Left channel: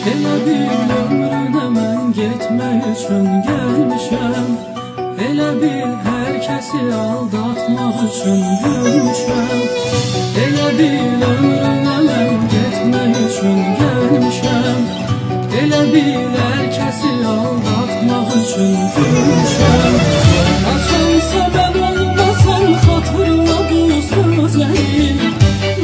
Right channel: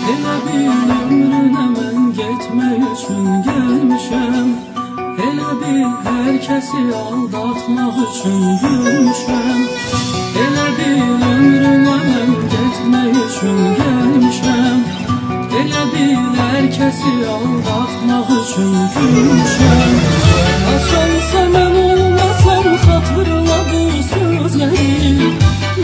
Elə bil ömrünə mən getmək üçün gəlmişəm. Elə bil hər kəsi aldatmaq üçün gülmüşəm. Elə bil ömrünə mən getmək üçün gəlmişəm. Elə bil hər kəsi aldatmaq üçün gülmüşəm. Açansa mən olmasam xatırla bu sözləri.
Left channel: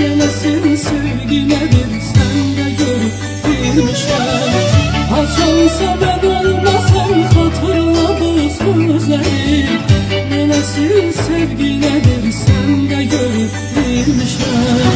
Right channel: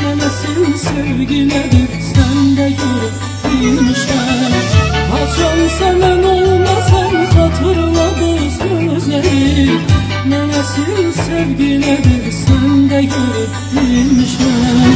Mənə sil sevgi nədir sən də görüb bilmişəm. Açansa mən olmasam xatırla bu sözləri. Mənə sil sevgi nədir sən də görüb bilmişəm.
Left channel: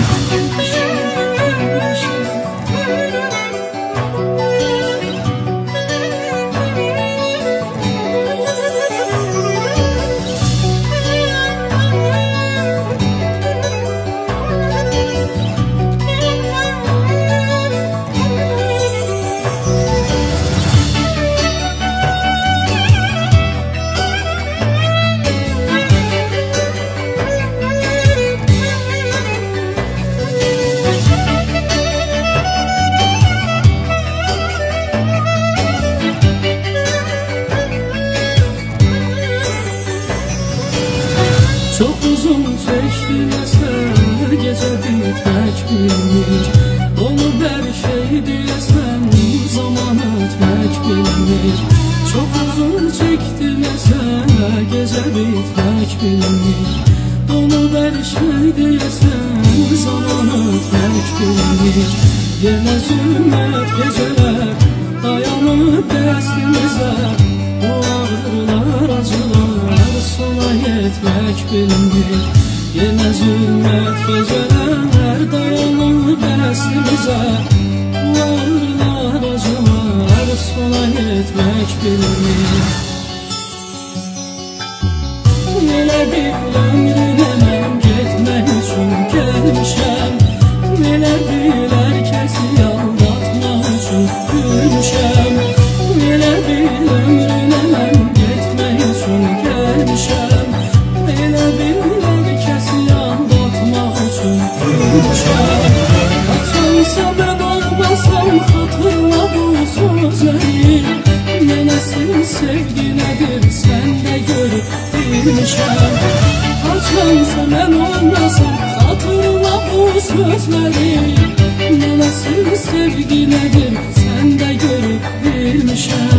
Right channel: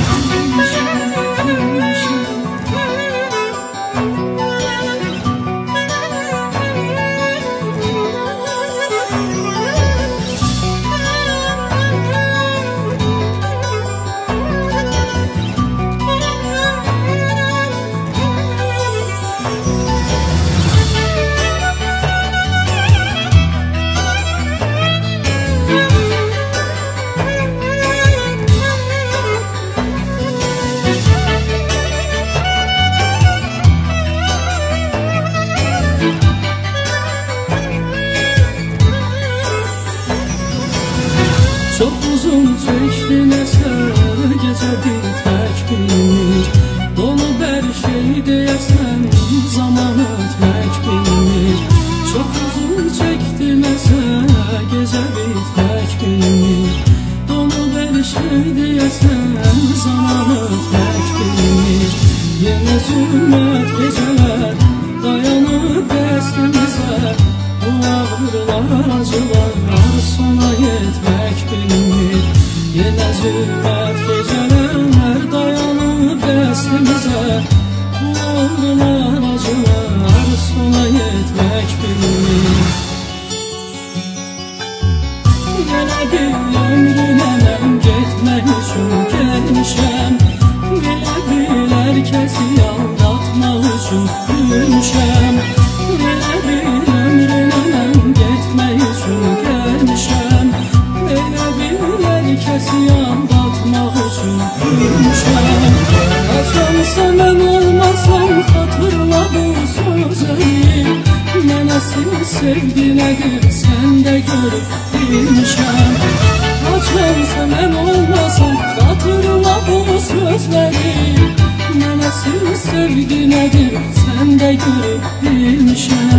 Çox uzun çəkdi nəsə gecə bitmək bilmir. Donub hər şey deyəsən zaman ötmək bilmir. Çox uzun çəkdi nəsə gecə bitmək bilmir. Donub hər şey deyəsən zaman ötmək bilmir. Yenə zülmət gecələr dayanıb dəstimizə. Bu ağrılar, acılar sona yetmək bilmir. Yenə zülmət gecələr dayanıb dəstimizə. Bu ağrılar, acılar sona yetmək bilmir. Elə bil ömrünə mən getmək üçün gəlmişəm. Elə bil hər kəsi aldatmaq üçün gülmüşəm. Elə bil ömrünə mən getmək üçün gəlmişəm. Elə bil hər kəsi aldatmaq üçün gülmüşəm. Açansa mən olmasam xatırla bu sözləri. Mənə sil sevgi nədir sən də görüb bilmişəm. Açansa mən olmasam xatırla bu sözləri. Mənə sil sevgi nədir sən də görüb bilmişəm.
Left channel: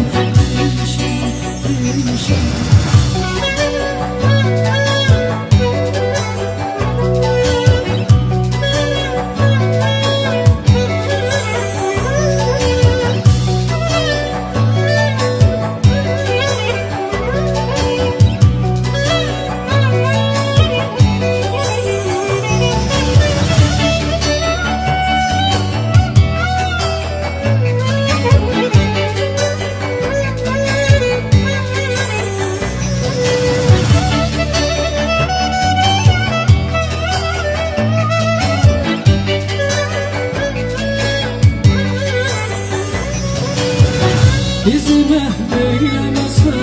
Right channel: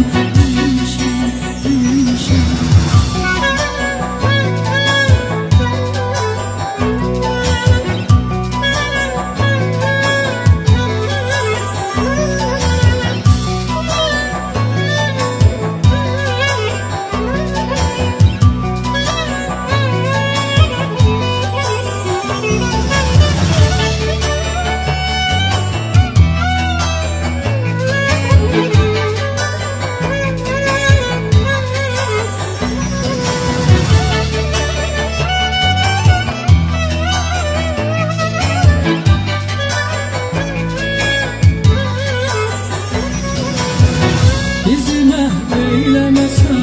Bizi məhv eyləməsə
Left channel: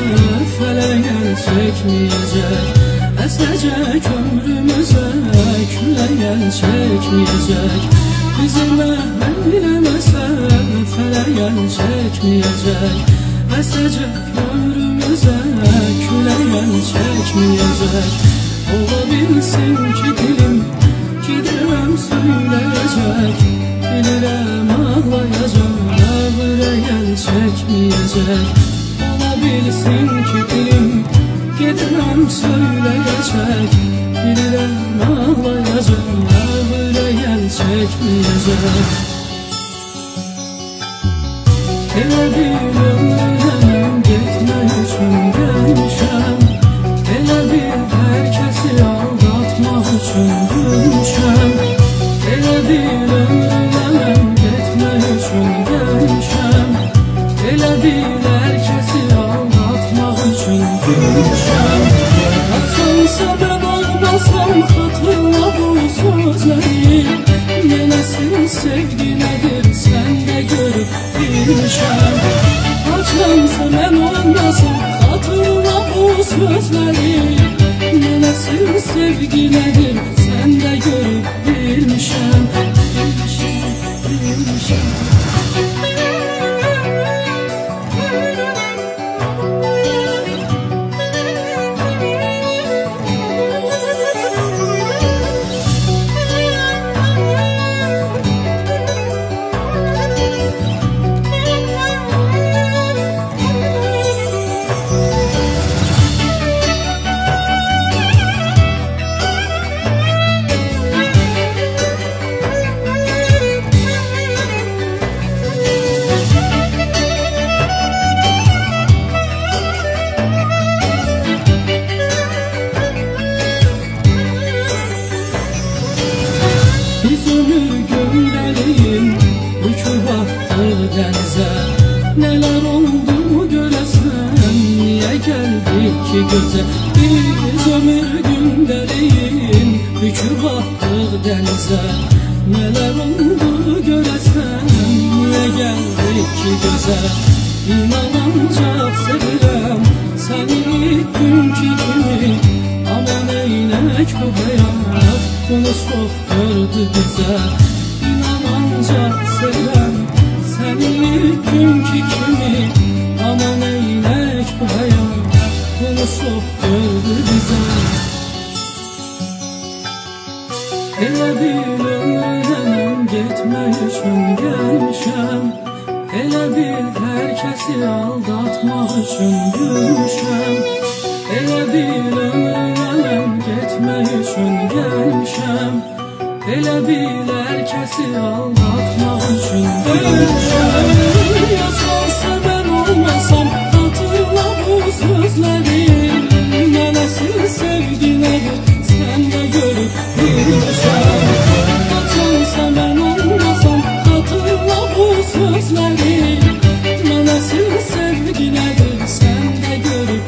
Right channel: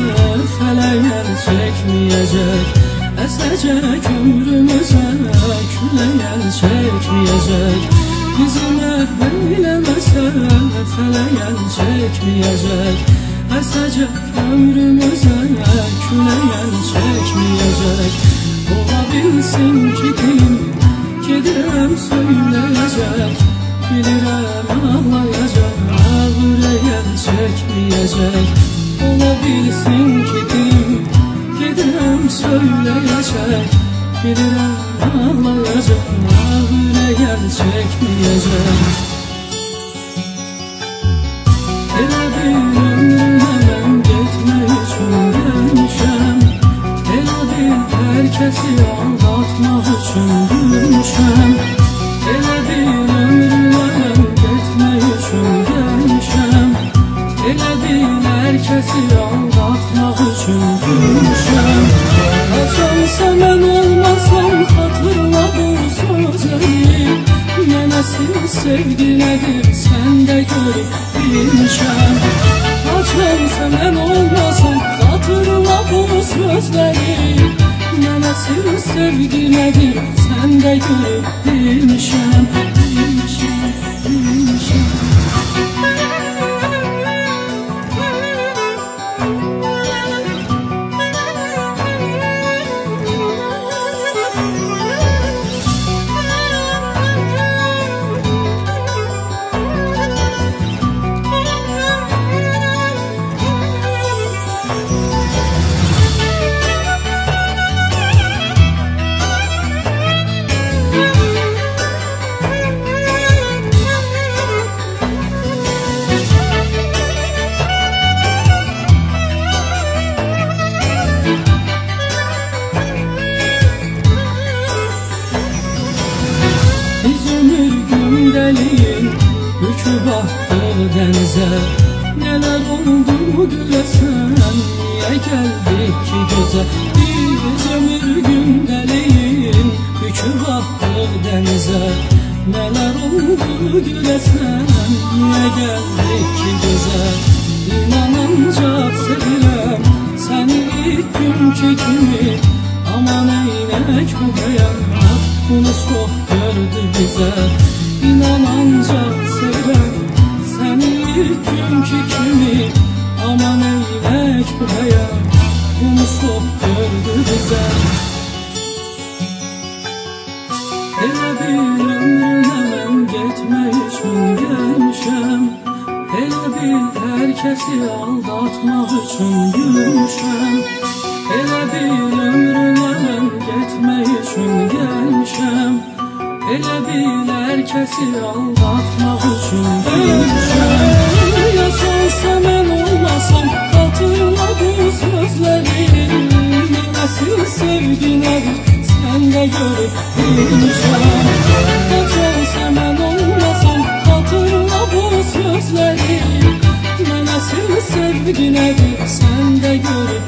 fələk əl çəkməyəcək. Əsəcək ömrümüzə külək əl çəkməyəcək. Bizi məhv eyləməsə fələk əl çəkməyəcək. Əsəcək ömrümüzə külək əl çəkməyəcək. Ola bilsin ki dilim gedirəm söyləyəcək. Bilirəm ağlayacaq, ürək əl çəkməyəcək. Ola bilsin ki dilim gedirəm söyləyəcək. Bilirəm ağlayacaq, ürək əl çəkməyəcək. Elə bil ömrünə mən getmək üçün gəlmişəm. Elə bil hər kəsi aldatmaq üçün gülmüşəm. Elə bil ömrünə mən getmək üçün gəlmişəm. Elə bil hər kəsi aldatmaq üçün gülmüşəm. Açansa mən olmasam xatırla bu sözləri. Mənə sil sevgi nədir sən də görüb bilmişəm. Açansa mən olmasam xatırla bu sözləri. Mənə sil sevgi nədir sən də görüb bilmişəm. Bilmişəm, bilmişəm. görəsən, niyə gəldik ki gözəl? İnan ancaq sevirəm səni ilk günkü kimi. Amma neynək bu həyat, bunu çox gördü bizə. İnan ancaq sevirəm səni ilk günkü kimi. Amma neynək bu həyat, bunu çox gördü bizə. Elə bil ömrünə mən getmək üçün gəlmişəm. Elə bil hər kəsi aldatmaq üçün gülmüşəm. Elə bil ömrünə mən getmək üçün gəlmişəm. Elə bil hər kəsi aldatmaq üçün gülmüşəm. Yaşansa mən olmasam, xatırla bu sözləri. Mən əsl sevgi nədir, sən də görüb bilmişəm. Yaşansa mən olmasam, xatırla bu sözləri. Mən əsl sevgi nədir, sən də görüb